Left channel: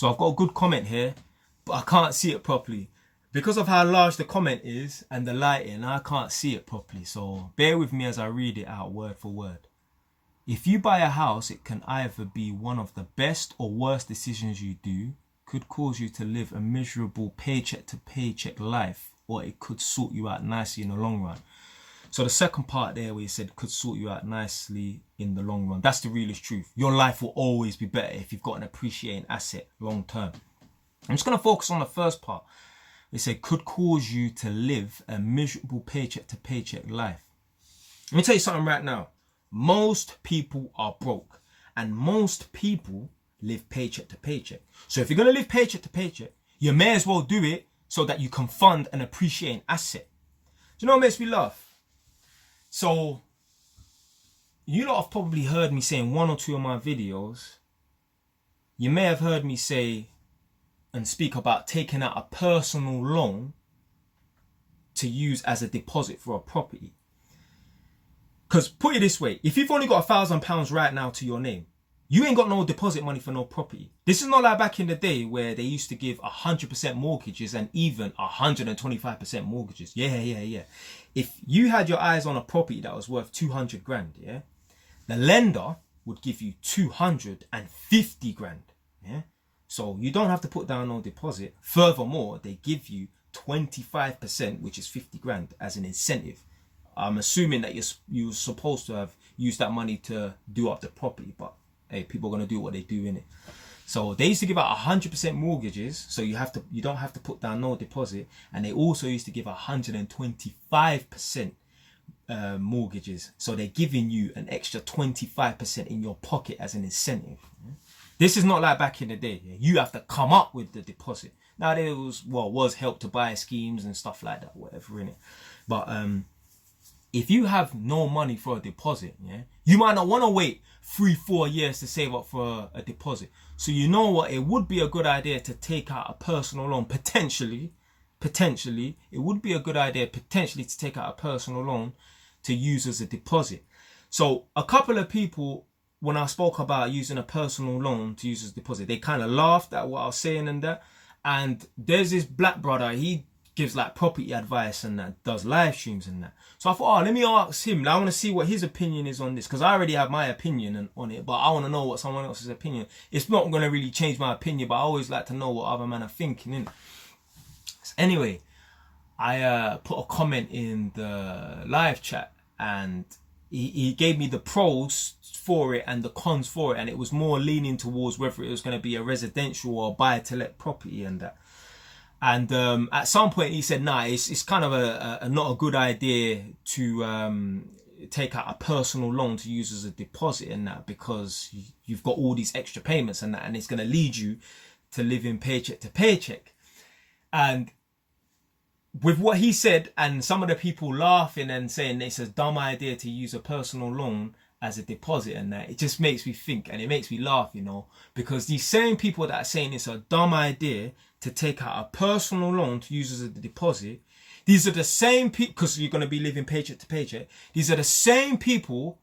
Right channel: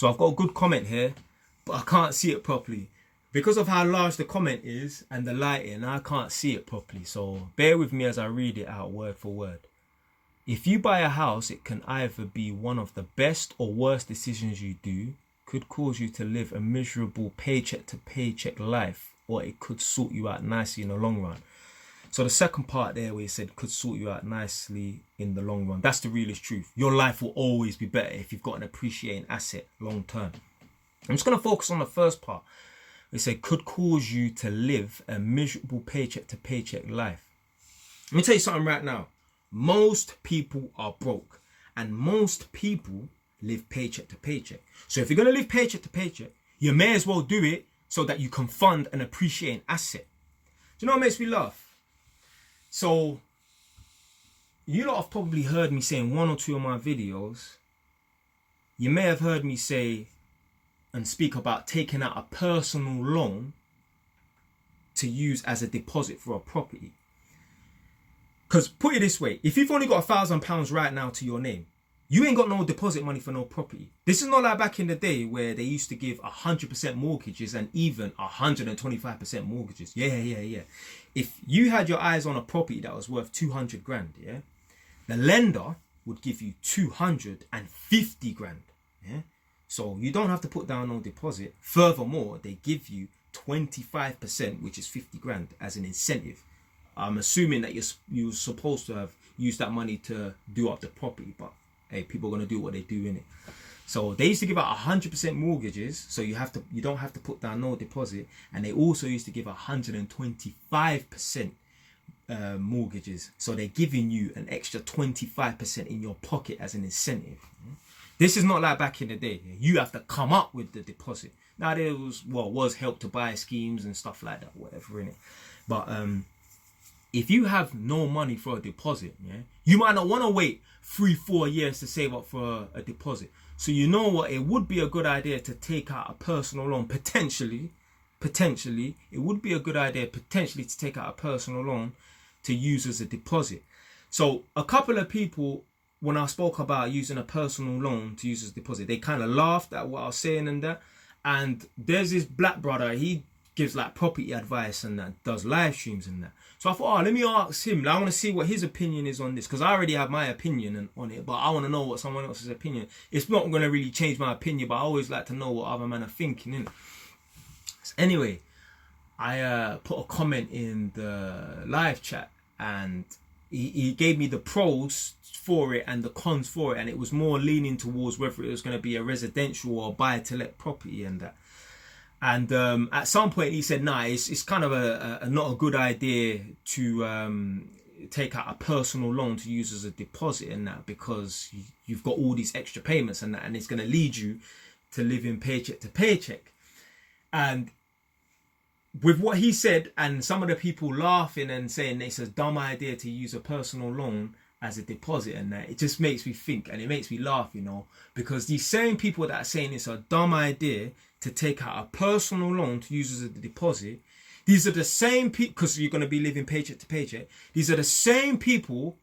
So I've got a good comment here, but I can't see it properly. Because of how large the comment is and the lighting, I can't see it properly. So bear with me as I read it out word for word. If you buy a house, it can either be one of the best or worst decisions you do, could cause you to live a miserable paycheck to paycheck life, or it could sort you out nicely in the long run. So the second part there where he said could sort you out nicely in the long run, that's the realest truth. Your life will always be better if you've got an appreciating asset long term. I'm just going to focus on the first part. They say could cause you to live a miserable paycheck to paycheck life. Let me tell you something right now. Most people are broke and most people live paycheck to paycheck. So if you're going to live paycheck to paycheck, you may as well do it so that you can fund an appreciating asset. Do you know what makes me laugh? So, you lot have probably heard me say in one or two of my videos, you may have heard me say and speak about taking out a personal loan to use as a deposit for a property. Because put it this way, if you've only got £1,000 right now to your name, you ain't got no deposit money for no property. This is not like back in the day where they used to give 100% mortgages and even 125% mortgages. Yeah. If you had your eyes on a property that was worth 200 grand, yeah, the lender would give you 250 grand. Yeah. So you don't have to put down no deposit. Furthermore, they give you 25%, which is 50 grand as an incentive. I'm assuming that you're supposed to have used that money to do up the property, but hey, people are going to do what they do in it. So they used to give out 100% mortgages, so you don't have to put down no deposit, and they also used to give 125% mortgages, so they're giving you an extra 25% in your pocket as an incentive. This is not like back in the day. You have to come up with the deposit. Now there was help to buy schemes and stuff like that, whatever in it. But if you have no money for a deposit, yeah, you might not want to wait 3-4 years to save up for a deposit. So you know what, it would be a good idea to take out a personal loan. Potentially, it would be a good idea potentially to take out a personal loan to use as a deposit. So a couple of people, when I spoke about using a personal loan to use as a deposit, they kind of laughed at what I was saying and that. And there's this black brother, he gives like property advice and that, does live streams and that. So I thought, let me ask him. I want to see what his opinion is on this, because I already have my opinion on it, but I want to know what someone else's opinion. It's not going to really change my opinion, but I always like to know what other men are thinking, innit? So anyway, I put a comment in the live chat, and he gave me the pros for it and the cons for it, and it was more leaning towards whether it was going to be a residential or buy-to-let property and that. And at some point he said, nah, it's kind of a not a good idea to take out a personal loan to use as a deposit and that, because you've got all these extra payments and that, and it's going to lead you to living paycheck to paycheck. And with what he said, and some of the people laughing and saying it's a dumb idea to use a personal loan as a deposit and that, it just makes me think and it makes me laugh, you know, because these same people that are saying it's a dumb idea to take out a personal loan to use as a deposit, these are the same people, because you're going to be living paycheck to paycheck, these are the same people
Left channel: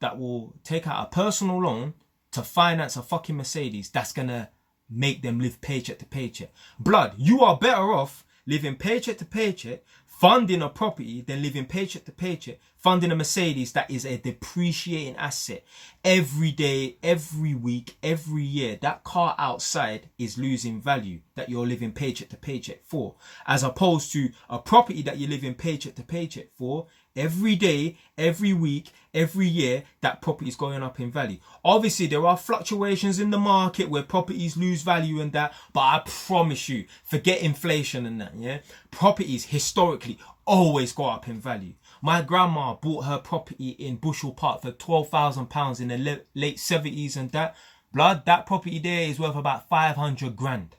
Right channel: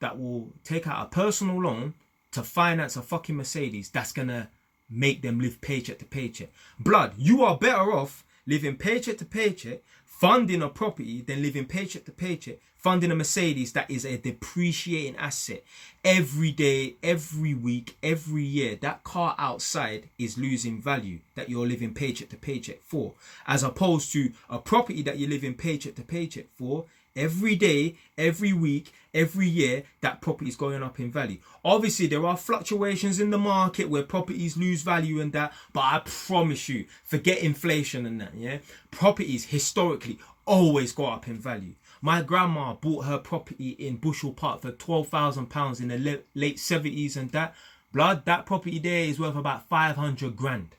that will take out a personal loan to finance a fucking Mercedes that's going to make them live paycheck to paycheck. Blood, you are better off living paycheck to paycheck, funding a property, than living paycheck to paycheck, funding a Mercedes that is a depreciating asset. Every day, every week, every year, that car outside is losing value that you're living paycheck to paycheck for, as opposed to a property that you're living paycheck to paycheck for. Every day, every week, every year, that property is going up in value. Obviously, there are fluctuations in the market where properties lose value and that, but I promise you, forget inflation and that, yeah? Properties historically always go up in value. My grandma bought her property in Bushel Park for £12,000 in the late 70s and that. Blood, that property there is worth about 500 grand.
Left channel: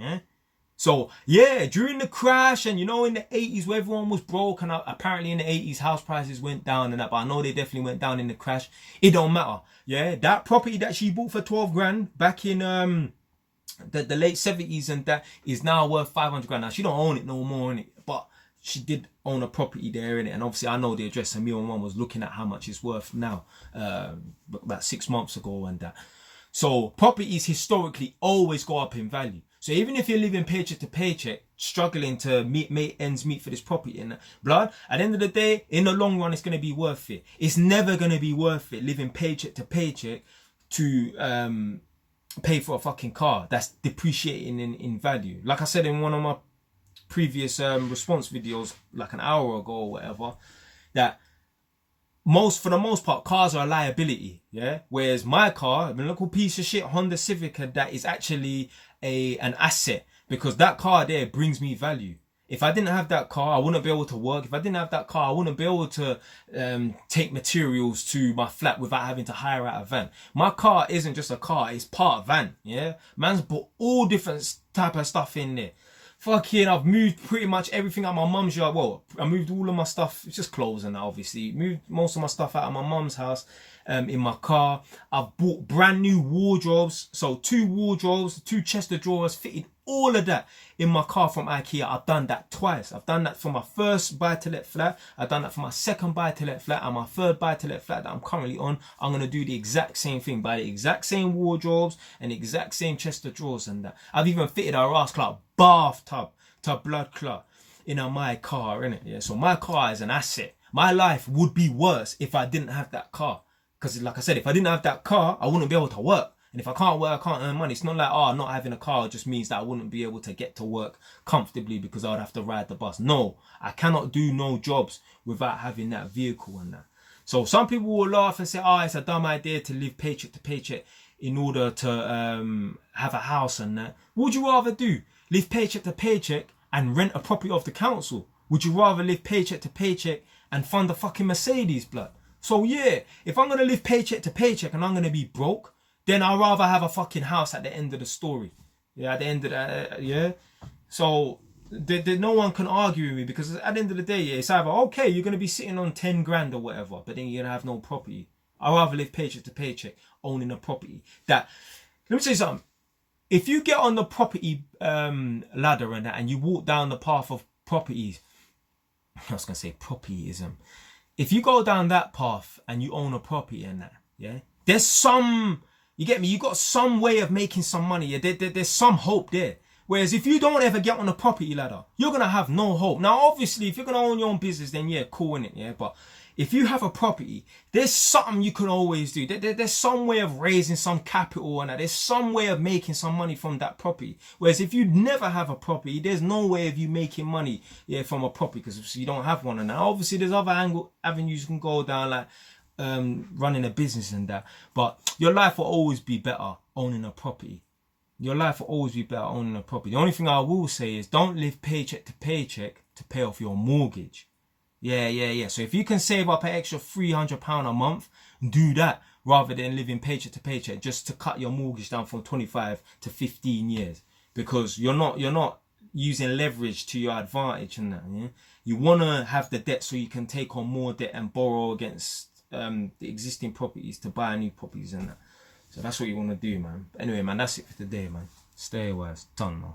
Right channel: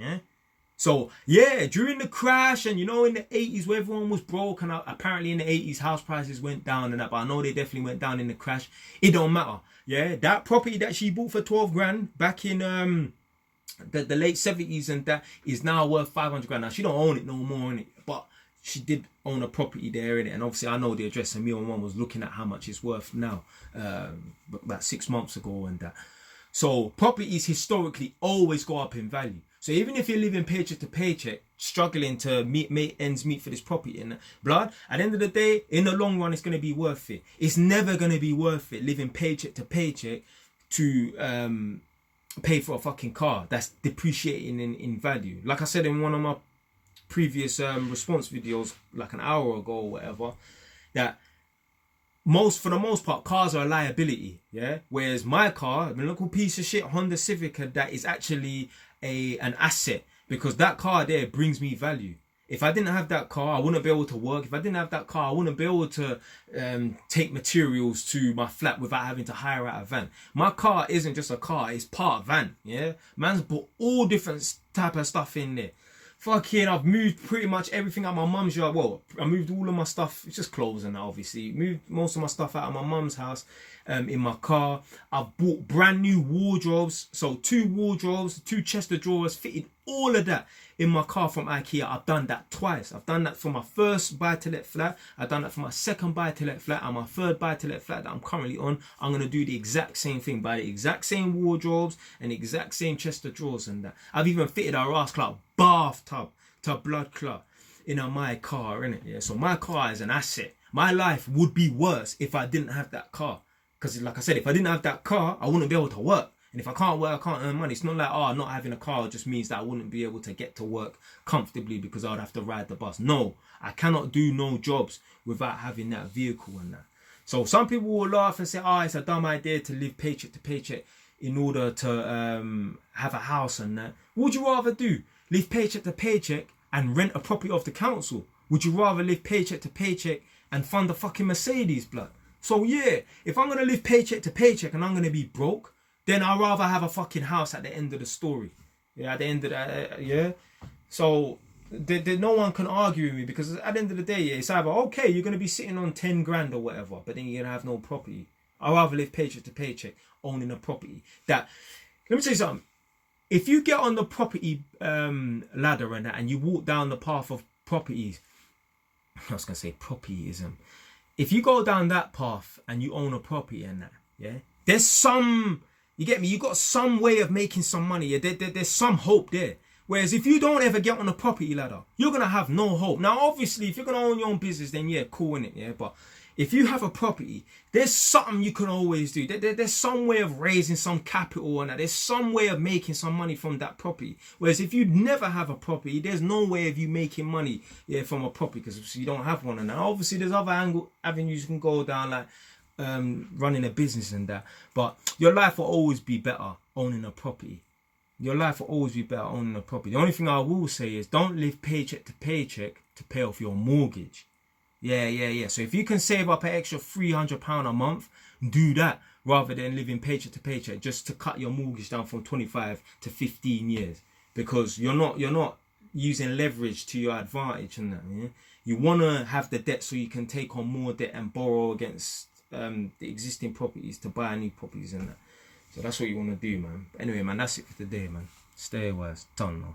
Yeah? So, yeah, during the crash and, you know, in the 80s where everyone was broke, and apparently in the 80s house prices went down and that, but I know they definitely went down in the crash. It don't matter. Yeah, that property that she bought for 12 grand back in the late 70s and that is now worth 500 grand. Now, she don't own it no more, innit? But she did own a property there, innit? And obviously I know the address, and me and one was looking at how much it's worth now, about 6 months ago and that. So properties historically always go up in value. So even if you're living paycheck to paycheck, struggling to make ends meet for this property and blood, at the end of the day, in the long run, it's going to be worth it. It's never going to be worth it living paycheck to paycheck to pay for a fucking car that's depreciating in value. Like I said in one of my previous response videos, like an hour ago or whatever, that for the most part, cars are a liability, yeah. Whereas my car, a little piece of shit Honda Civic, that is actually an asset, because that car there brings me value. If I didn't have that car, I wouldn't be able to work. If I didn't have that car, I wouldn't be able to take materials to my flat without having to hire out a van. My car isn't just a car; it's part of van. Yeah, man's put all different type of stuff in there. Fucking, I've moved pretty much everything out of my mum's yard. Well, I moved all of my stuff, it's just clothes and that, obviously. Moved most of my stuff out of my mum's house in my car. I've bought brand new wardrobes. So 2 wardrobes, 2 chest of drawers, fitted all of that in my car from IKEA. I've done that twice. I've done that for my first buy-to-let flat. I've done that for my second buy-to-let flat, and my third buy-to-let flat that I'm currently on. I'm going to do the exact same thing. Buy the exact same wardrobes and the exact same chest of drawers and that. I've even fitted a ass clot bathtub to blood clot in my car, innit? Yeah. So my car is an asset. My life would be worse if I didn't have that car. Because like I said, if I didn't have that car, I wouldn't be able to work. And if I can't work, I can't earn money. It's not like, not having a car just means that I wouldn't be able to get to work comfortably because I would have to ride the bus. No, I cannot do no jobs without having that vehicle and that. So some people will laugh and say, it's a dumb idea to live paycheck to paycheck in order to have a house and that. What would you rather do? Live paycheck to paycheck and rent a property off the council? Would you rather live paycheck to paycheck and fund a fucking Mercedes, blood? So yeah, if I'm going to live paycheck to paycheck and I'm going to be broke, then I'd rather have a fucking house at the end of the story. Yeah, at the end of that, yeah. So no one can argue with me, because at the end of the day, yeah, it's either, okay, you're going to be sitting on 10 grand or whatever, but then you're going to have no property. I'd rather live paycheck to paycheck, owning a property. Let me tell you something. If you get on the property ladder and that, and you walk down the path of properties, I was going to say propertyism. If you go down that path and you own a property and that, yeah, there's some... You get me? You got some way of making some money. Yeah? There's some hope there. Whereas if you don't ever get on a property ladder, you're going to have no hope. Now, obviously, if you're going to own your own business, then yeah, cool, innit? Yeah, but if you have a property, there's something you can always do. There's some way of raising some capital and that. There's some way of making some money from that property. Whereas if you never have a property, there's no way of you making money from a property, because you don't have one. And now, obviously, there's other avenues you can go down, like running a business and that, but your life will always be better owning a property. Your life will always be better owning a property. The only thing I will say is, don't live paycheck to paycheck to pay off your mortgage. Yeah. So if you can save up an extra £300 a month, do that rather than living paycheck to paycheck just to cut your mortgage down from 25 to 15 years, because you're not using leverage to your advantage and that. Yeah? You want to have the debt so you can take on more debt and borrow against the existing properties to buy new properties and that. So that's what you want to do, man. Anyway, man, that's it for today, man. Stay away. It's done now.